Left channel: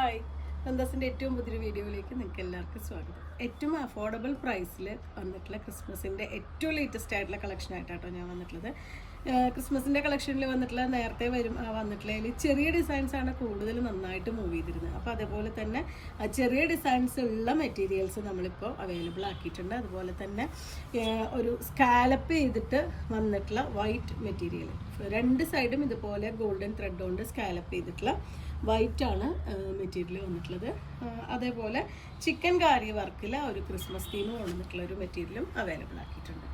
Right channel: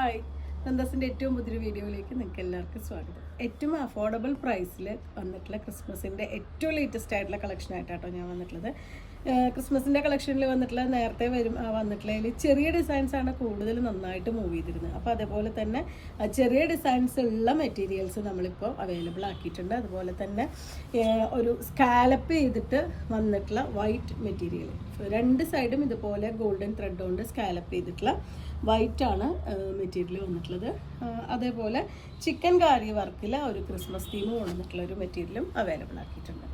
Hi, നന്ദാസിൻ്റെ ഏറ്റവും പുതിയൊരു വീഡിയോയിലേക്ക് നിങ്ങൾക്ക് എല്ലാവർക്കും സ്വാഗതം. ഏറ്റവും അഫോർഡബിൾ പ്രൈസിൽ വന്നിട്ടുള്ള ക്രിസ്മസിൻ്റെ ഏറ്റവും ലേറ്റസ്റ്റ് ആയിട്ടുള്ള കളക്ഷൻ ആയിട്ടാട്ടോ ഞാൻ വന്നിട്ടുള്ളത്. ക്രിസ്മസിൻ്റെ കളക്ഷനിൽ വന്നിട്ടുള്ള നേരത്തെ വന്നിട്ടുള്ളതിൽ ചെറിയ ഡിസൈൻസ് ആണ് കൂടുതൽ നന്നായിട്ട് മൂവ് ചെയ്തിരുന്നത്. അപ്പോൾ അതേപോലെ തന്നെ ചെറിയ ഡിസൈൻസ് ഉള്ള മെറ്റീരിയൽസ് നമ്മളിപ്പോൾ അവൈലബിൾ ആക്കിയിട്ടുണ്ട്. അതുപോലെ തന്നെ ഒരു സ്കാലപ്പ് ചെയ്തിട്ട് വന്നിട്ടുള്ള വൈറ്റ് മെറ്റീരിയൽ, രണ്ട് സൈഡും ഇതുപോലെ ഗോൾഡൻ ത്രെഡ് കൊണ്ട് സ്കാലപ്പ് ചെയ്തിട്ടുള്ള വൈറ്റ് ആണ് മെറ്റീരിയൽ വന്നിട്ടുള്ളത്. അതേപോലെ ചിക്കൻ കാരി വർക്കിൽ ഒരു ക്രിസ്മസ് തീം കൊണ്ടുവന്നിട്ടുള്ള ഒരു മെറ്റീരിയലും അവൈലബിൾ ആക്കിയിട്ടുണ്ട്.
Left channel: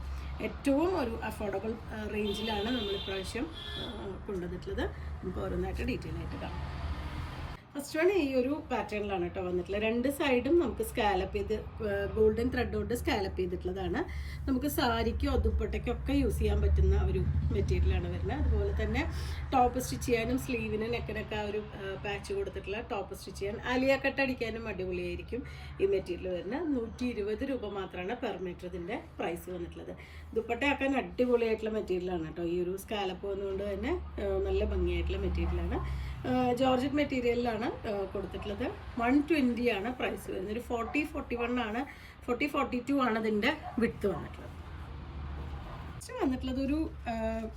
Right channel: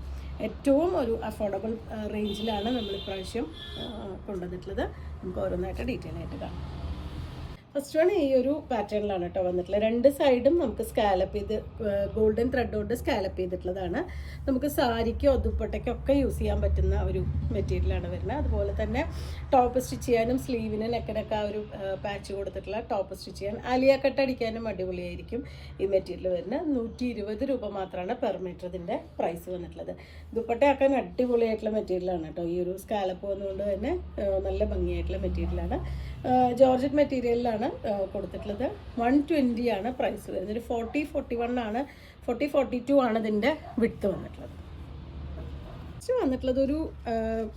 ഏറ്റവും ഒരു അഫോർഡബിൾ റേഞ്ചിലാണ് നമ്മൾ ഇപ്രാവശ്യം കൊണ്ടുവന്നിട്ടുള്ളത്. നമുക്ക് ഓരോന്നായിട്ട് ഡീറ്റെയിൽ ആയിട്ട് കാണാം. ഫസ്റ്റ് വൺ ഈ ഒരു പാറ്റേണിലാണ് കേട്ടോ വന്നിട്ടുള്ളത്. രണ്ട് സൈഡും നമുക്ക് സ്കാലപ്പ് ചെയ്ത് ഗോൾഡൻ ത്രെഡ് കൊണ്ട് സ്കാലപ്പ് ചെയ്തിട്ടുള്ളതാണ്. നമുക്ക് സാരിക്കോ ദുപ്പട്ടയ്ക്കൊക്കെ യൂസ് ചെയ്യാൻ പറ്റുന്ന ഒരു മെറ്റീരിയലാണ് വരുന്നത്. അതുപോലെ തന്നെ ടോപ്പ് സ്റ്റിച്ച് ചെയ്യാനും സ്ലീവിന് നെക്കിനൊക്കെ ഒരു പാച്ച് കൊടുത്തിട്ടുള്ള ടോപ്പ് സ്റ്റിച്ച് ചെയ്യാൻ ആലിയ കട്ട് അടിക്കാനും അടിപൊളിയായിരിക്കും ഈ മെറ്റീരിയൽ വരുന്നത്. 120 രൂപ മാത്രമാണ് പെർ മീറ്റർ ഇതിൻ്റെ പ്രൈസ് വന്നിട്ടുള്ളത്. ദുപ്പട്ടയാക്കാൻ അടിപൊളിയായിട്ടുള്ള മെറ്റീരിയലാണ് കേട്ടോ. ഈ ഒരു സ്കാലപ്പ് വന്നുകൊണ്ട് തന്നെ നല്ല ഭംഗിയായിട്ടുള്ള മെറ്റീരിയലാണ്. ജോർജറ്റ് മെറ്റീരിയലിലാണ് കൊടുത്തിട്ടുള്ളത്. 120 ആണ് പ്രൈസ് വരുന്നത്. ഒരു 40-41 ആണ്, 40-42 ആണ് ഇതിൻ്റെ വിഡ്ത്ത് വന്നിട്ടുള്ളത്. വന്നിട്ടുള്ളത് ഒരു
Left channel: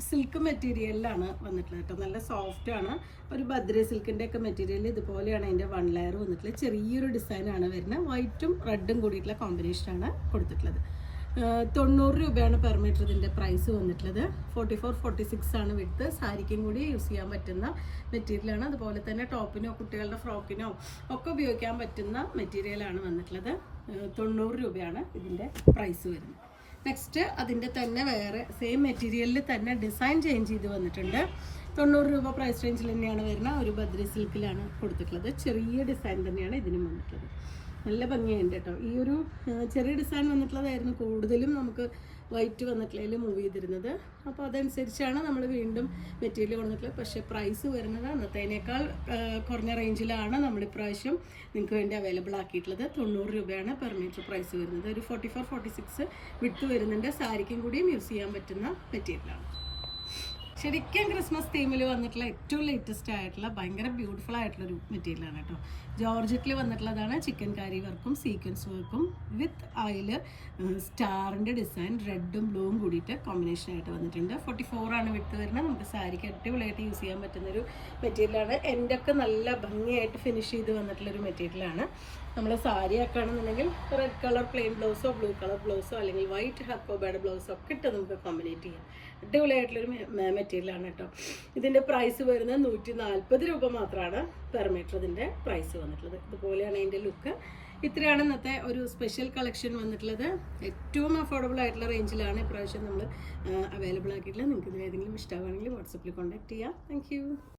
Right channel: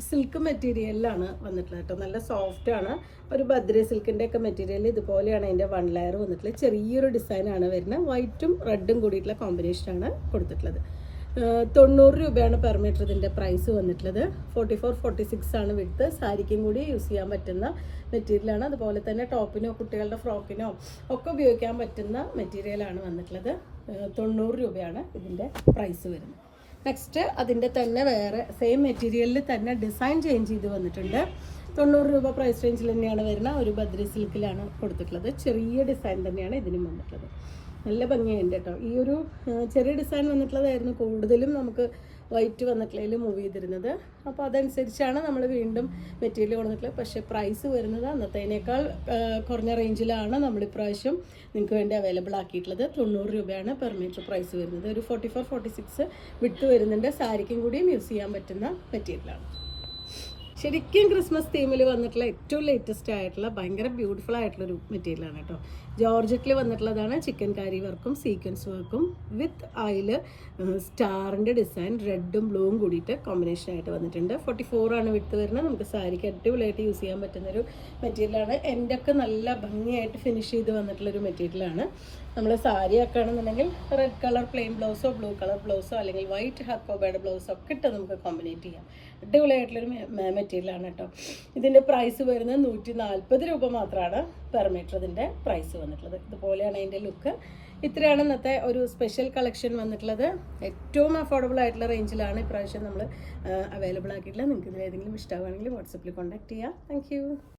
സിൽക്ക് മെറ്റീരിയലിലാണ് വന്നിട്ടുള്ളത് കേട്ടോ. നല്ല സോഫ്റ്റ് ആണ്. ഒരു ബദ്രി സിൽക്കിൻ്റെ ഒക്കെ മെറ്റീരിയൽ ഇതുപോലെയാണ് അതിൻ്റെ 1 ലെയർ വന്നിട്ടുള്ളത്. ചെറിയൊരു ഡിസൈനാണ് വരുന്നത്. വൈറ്റും റെഡും കൂടിയിട്ടുള്ള കോമ്പിനേഷനാണ് കൊടുത്തിട്ടുള്ളത്. 90 രൂപയാണ് പെർ മീറ്റർ ഇതിൻ്റെ പ്രൈസ് വന്നിട്ടുള്ളത്. 44-46 ആണ് വിഡ്ത്ത്. സാരിക്കും കൂടി യൂസ് ചെയ്യാൻ പറ്റുന്ന മെറ്റീരിയലാണ്. അതുപോലെ തന്നെ ടോപ്പിനോ കുട്ടികളുടെ ഫ്രോക്കിനോ ഒക്കെ ഉപയോഗിക്കാൻ പറ്റുന്ന മെറ്റീരിയലാണ് വന്നിട്ടുള്ളത്. 90 രൂപയാണ് ഇതിൻ്റെ പ്രൈസ് വരുന്നത്. നെക്സ്റ്റ് അതിൻ്റെ തന്നെ വേറെ സെയിം മെറ്റീരിയലിൽ തന്നെ ഡിസൈൻ ചേഞ്ച് ചെയ്ത് വന്നിട്ടുണ്ട്. 90 രൂപ പ്രൈസ് റേഞ്ചിൽ തന്നെയാണ് വരുന്നത്. ഒരു ബദ്രി സിൽക്കിലാണ് കൊടുത്തിട്ടുള്ളത്. ചെറിയ ഡിസൈൻ തന്നെയാണ് ഇതിനും വന്നിട്ടുള്ളത്. നല്ല ഭംഗിയുണ്ട് കേട്ടോ. ഈ ഒരു ചെറിയ ഡിസൈൻ വന്നിട്ടുള്ളതായിരുന്നു കൂടുതലും നമുക്ക് വൈറ്റ് വന്നിട്ടുള്ളതിൽ മൂവ് ചെയ്തിരുന്നത്. അപ്പോൾ അതനുസരിച്ചാണ് നമ്മൾ വീണ്ടും മെറ്റീരിയൽ കൊടുത്തിട്ടുള്ളത്. പക്ഷേ പ്രൈസ് വരുന്നത് അന്നത്തേനേക്കാൾ കുറഞ്ഞ റേഞ്ചിലാണ് നമ്മൾ ഇപ്രാവശ്യം നിങ്ങൾക്ക് വേണ്ടി അവൈലബിൾ ആക്കിയിട്ടുള്ളത്. 90 രൂപയാണ് പെർ മീറ്റർ പ്രൈസ് വരുന്നത്. ഒരു 44-46 വിഡ്ത്ത് വരുന്നുണ്ട്. സാരിക്കും കൂടിയും യൂസ് ചെയ്യാൻ പറ്റുന്ന മെറ്റീരിയലാണ്. ശരിക്കും ക്രിസ്മസ് തീമിൽ വന്നിട്ടുള്ള ഏറ്റവും ലേറ്റസ്റ്റ് ആയിട്ടുള്ള ഭയങ്കര ബ്യൂട്ടിഫുൾ ആയിട്ടുള്ളൊരു മെറ്റീരിയലാണ് കേട്ടോ. ജോർജറ്റിൽ വന്നിട്ടുള്ളതാണ്. ചിക്കൻ കാരി വർക്കും സീക്വൻസ് വർക്കും വിത്ത് ആയിൽ സ്റ്റാറിൻ്റെ ഡിസൈൻ റെഡും ബ്ലൂവും കൂടിയിട്ട് കോമ്പിനേഷനായിട്ട് വന്നിട്ടുണ്ട്. 44 ആണ് വിട്ട് വരുന്നത്. നമുക്ക് സാരിക്ക് അടിപൊളിയായിട്ട് യൂസ് ചെയ്യാൻ പറ്റുന്നൊരു മെറ്റീരിയലാണ്. എൻ്റെയൊക്കെ നല്ല ഭംഗിയായിട്ട് ഫിനിഷ് ചെയ്ത് വന്നിട്ടുള്ളൊരു മെറ്റീരിയലാണ്. നമ്മൾ സാരി ഒക്കെ ആണെന്നുണ്ടെങ്കിൽ റെഡ് കളർ പ്ലെയിൻ ബ്ലൗസോ ബ്ലൂ കളർ ബ്ലൗസോ അല്ലെങ്കിൽ വൈറ്റ് ഹക്കോബയുടെ ബ്ലൗസോ ഒക്കെ ഇട്ട് നമുക്ക് കോമ്പിനേറ്റ് ചെയ്യാം. അടിപൊളിയായിട്ടുള്ളൊരു മെറ്റീരിയലാണ് കേട്ടോ. ഇതിൻ്റെ പ്രൈസ് വരുന്നത് 140 രൂപ മാത്രമാണ് പെർ മീറ്റർ ഇതിൻ്റെ പ്രൈസ് വന്നിട്ടുള്ളത്. ഇതുപോലെയാണ് അതിൻ്റെ ലുക്ക്. ഇത്രയാണ് ഇന്നത്തെ ഒരു സ്പെഷ്യൽ കളക്ഷൻ വന്നിട്ടുള്ളത്. ഏറ്റവും അഫോർഡബിൾ ആയിട്ടുള്ള റേഞ്ചിലാണ് ഇപ്രാവശ്യം നമ്മൾ അവൈലബിൾ ആക്കിയിട്ടുള്ളത്. നിങ്ങൾക്ക് ഇതിൽ ഏതെങ്കിലും ഇഷ്ടമാണെങ്കിൽ വാട്സപ്പിൽ കോൺടാക്ട് ചെയ്യാം. താങ്ക്